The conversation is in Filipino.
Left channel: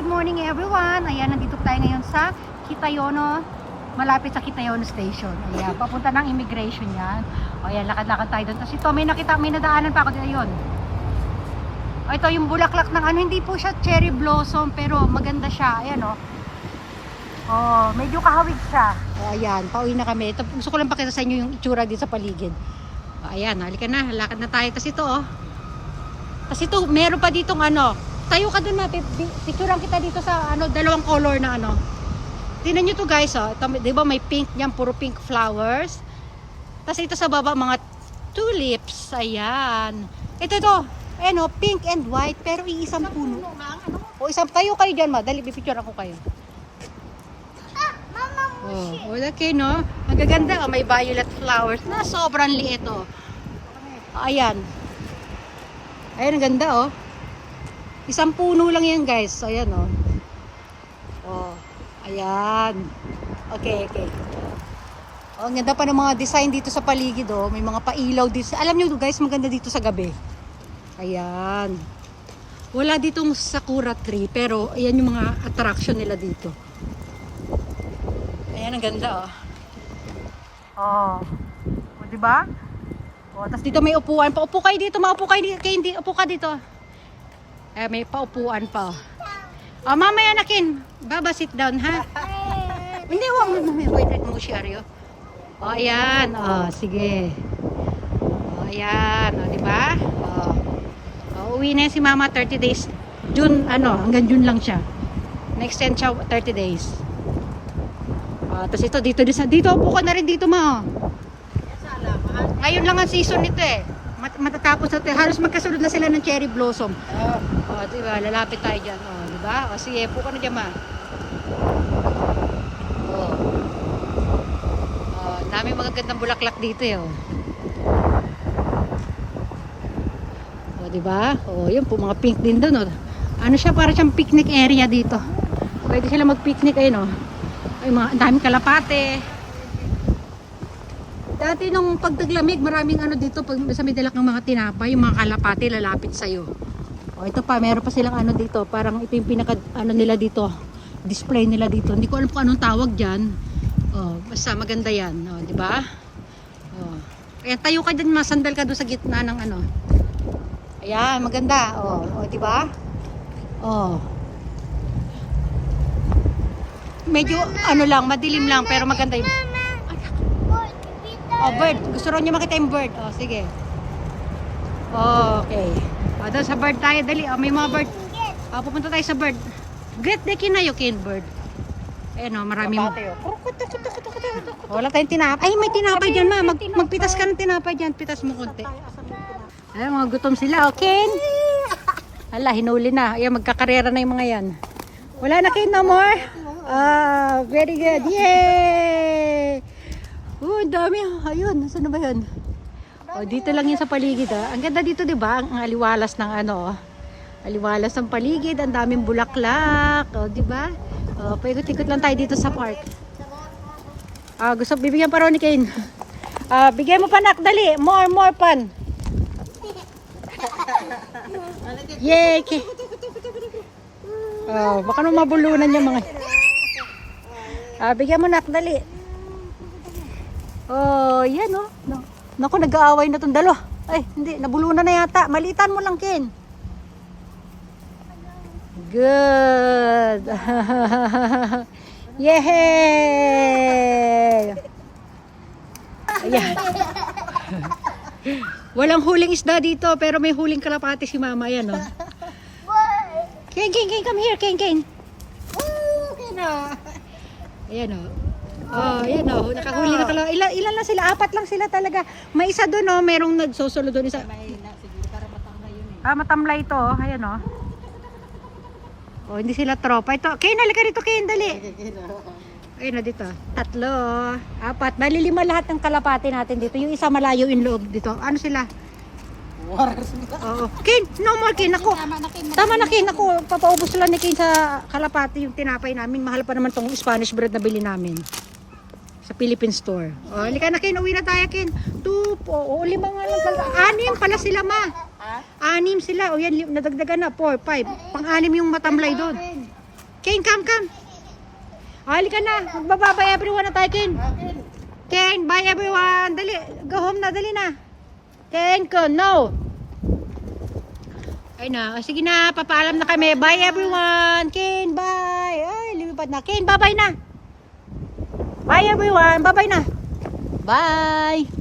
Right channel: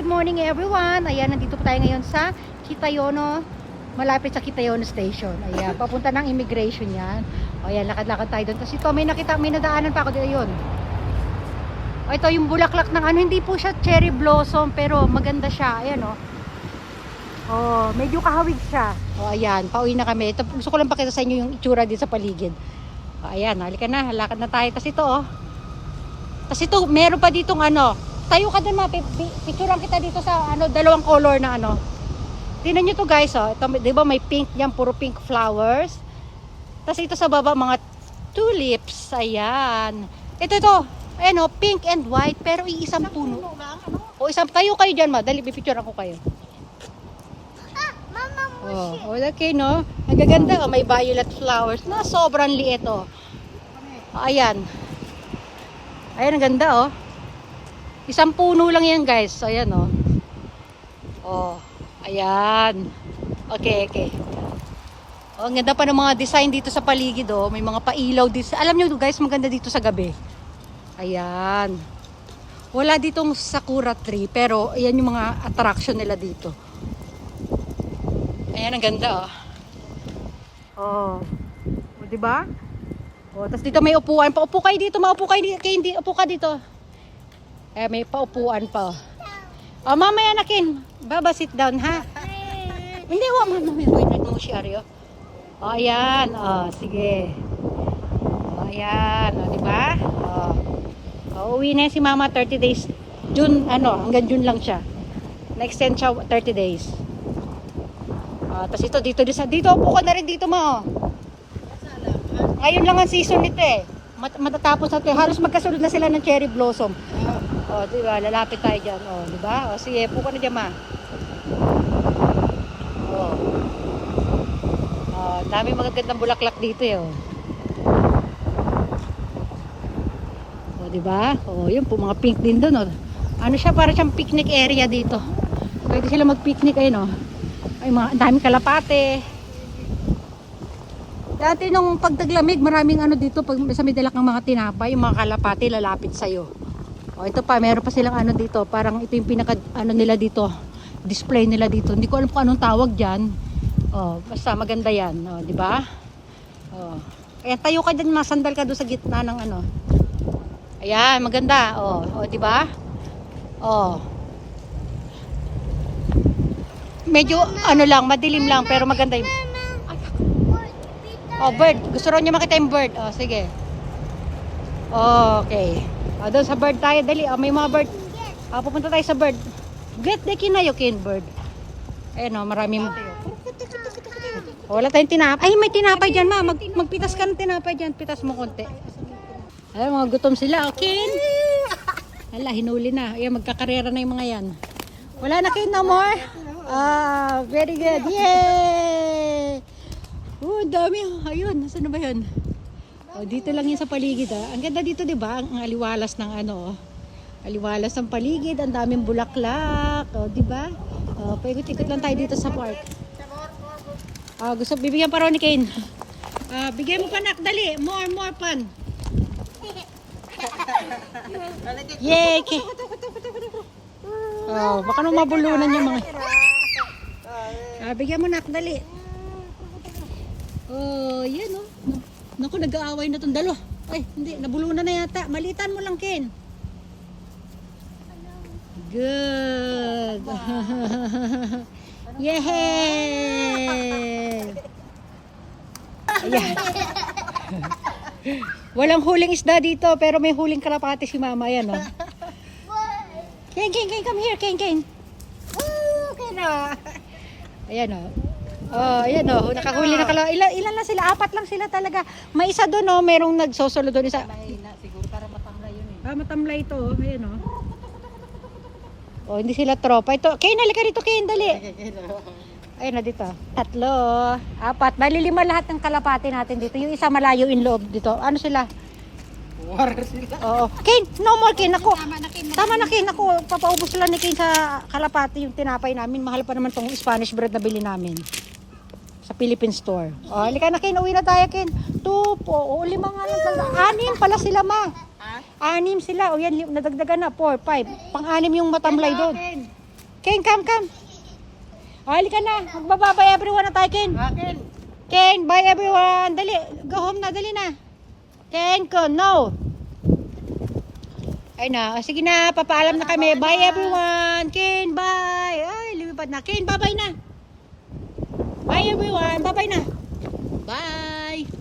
good morning everyone. Ayan, nandito tayo ngayon sa Kitayono, malapit sa Kitayono Station. Ayan, papunta ng immigration yan. Ayan, lakad-lakad tayo doon. Tapos ito, may nadaanan pa ako dito yun. O, ito yung bulaklak ng ano, hindi po siya cherry blossom, pero maganda siya. Ayan o. Oh, medyo kahawig siya. O, ayan, pauwi na kami. Ito, gusto ko lang pakita sa inyo yung itsura dito sa paligid. O, ayan, halika na, lakad na tayo. Tapos ito oh. Tapos ito, meron pa ditong ano, tayo ka doon natin, picturean kita dito sa ano, dalawang color na ano. Tingnan nyo to guys, oh. Ito, di ba may pink niyan, puro pink flowers. Tapos ito sa baba, mga tulips. Ayan. Ito, ano, pink and white, pero iisang puno. O, isang, tayo kayo dyan, ma. Dali, pipicture ako kayo. Oh, okay, no? Magaganda, oh, may violet flowers na sobrang liit, oh. Ayan. Ayan, ang ganda, oh. Isang puno lang yan, guys. Ayan, oh. Oh, ayan. Okay. Oh, ang ganda pa ng mga design dito sa paligid, oh. May mga pailaw dito. Alam nyo, guys, maganda dito sa gabi. Ayan. Wala ditong sakura tree, pero ayan yung mga attraction nila dito. Ayan, ang ganda, oh. Oh, diba? Oh, tapos dito may upuan. Paupo kayo dito, maupo kayo dito. Hindi, upo ka dito. May paupuan pa. Oh, mamaya nakin. Baba, sit down, ha? Hindi, wait mo, Shario. Oh, ayan. Oh, sige. Oh, ayan. Oh, diba? Oh, uwi na si mama 30 days. June, ano, hanggang June lang siya. Na-extend siya 30 days. Tapos ito, dito upo ka na rin dito, ma. Ngayon lang ang season nito eh. Matatapos na ito. Halos magkasunod na sila ng cherry blossom. Oh, diba? Lalapit tayo dyan. Oh, diba? O, sige, po ka na dyan, ma. Oh. Oh, ang dami magagandang bulaklak dito eh. Oh, diba? Oh, yun po, mga pink din doon. Oh. Ano siya? Para siyang picnic area dito. Pwede sila mag-picnic eh, no? Ay, ang daming kalapate. Dati nung pagtaglamig, maraming ano dito, pag sa may dala kang mga tinapay, yung mga kalapate lalapit sa'yo. O ito pa, meron pa silang ano dito, parang ito yung pinaka ano nila dito, display nila dito. Hindi ko alam kung anong tawag diyan. Oh, basta maganda 'yan, oh, di ba? Oh. Ayan, tayo ka diyan, masandal ka doon sa gitna ng ano. Ayan, maganda. Oh, di ba? Oh. Medyo ano lang, madilim lang, pero maganda yung oh, bird. Gusto rin niya makita yung bird. Oh, sige. Oh, okay. O, doon sa bird tayo. Dali. Oh, may mga bird. Oh, pupunta tayo sa bird. Great day kinayo, kin bird. Ayan o, maraming. Wala tayong tinapay. Ay, may tinapay dyan, ma. Magpitas ka ng tinapay dyan. Pitas mo konti. Ay, mga gutom sila. O, kin. Hala, hinuli na. Ayan, magkakarera na yung mga yan. Wala na, kin, no more? Oh, very good. Yay! Oh, ang dami. Ayun, nasaan na ba yun? Oh, dito lang yun sa paligid, ah. Ang ganda dito, 'di ba? Ang aliwalas ng ano, aliwalas ng paligid, ang daming bulaklak, oh, 'di ba? Oh, paikot-ikot lang tayo dito sa park. Ah, gusto bibigyan pa raw ni Kane. Ah, bigyan mo pa nak, dali. More pan. Yay! Oh, baka nung mabulunan yung mga. Ah, bigyan mo nak, dali. Oh, yan oh. No. Naku, nag-aaway na itong dalo. Ay, hindi, nabulunan na yata. Malitan mo lang, Ken. Good. Yay! Ayan. Walang huling isda dito, pero may huling kalapati si mama. Ayan, oh. Ken, come here, Ken. Ayan, oh. Oh, yan oh, nakahuli na kala. Ilan lang sila? 4 lang sila talaga. May isa doon oh, merong nagsosolo doon isa. Siguro para matamlay yun eh. Ah, matamlay ito oh. Ayan oh. Oh, hindi sila tropa. Ito, kayo nalika dito, kayo dali. Ayun na dito. 3, 4. Bali 5 lahat ng kalapati natin dito. Yung isa malayo in loob dito. Ano sila? War sila. Oo. Ken, no more Ken. Ako. Tama na Ken. Ako, papaubos lang ni Ken sa kalapati yung tinapay namin. Mahal pa naman tong Spanish bread na bili namin. Sa Philippine store. O, halika na Ken, uwi na tayo Ken. 2 po, 5 nga lang pala. 6 pala sila ma. 6 sila. O yan, nadagdagan na. 4, 5. Pang-6 yung matamlay doon. Kane, come. O, halika na. Magbababay everyone na tayo, Kane. Akin. Kane, bye everyone. Dali, go home na, dali na. Kane ko, no. Ay na, o, sige na, papaalam na kami. Bye everyone. Kane, bye. Ay, lumipad na. Kane, bye-bye na. Bye everyone, bye-bye na. Bye.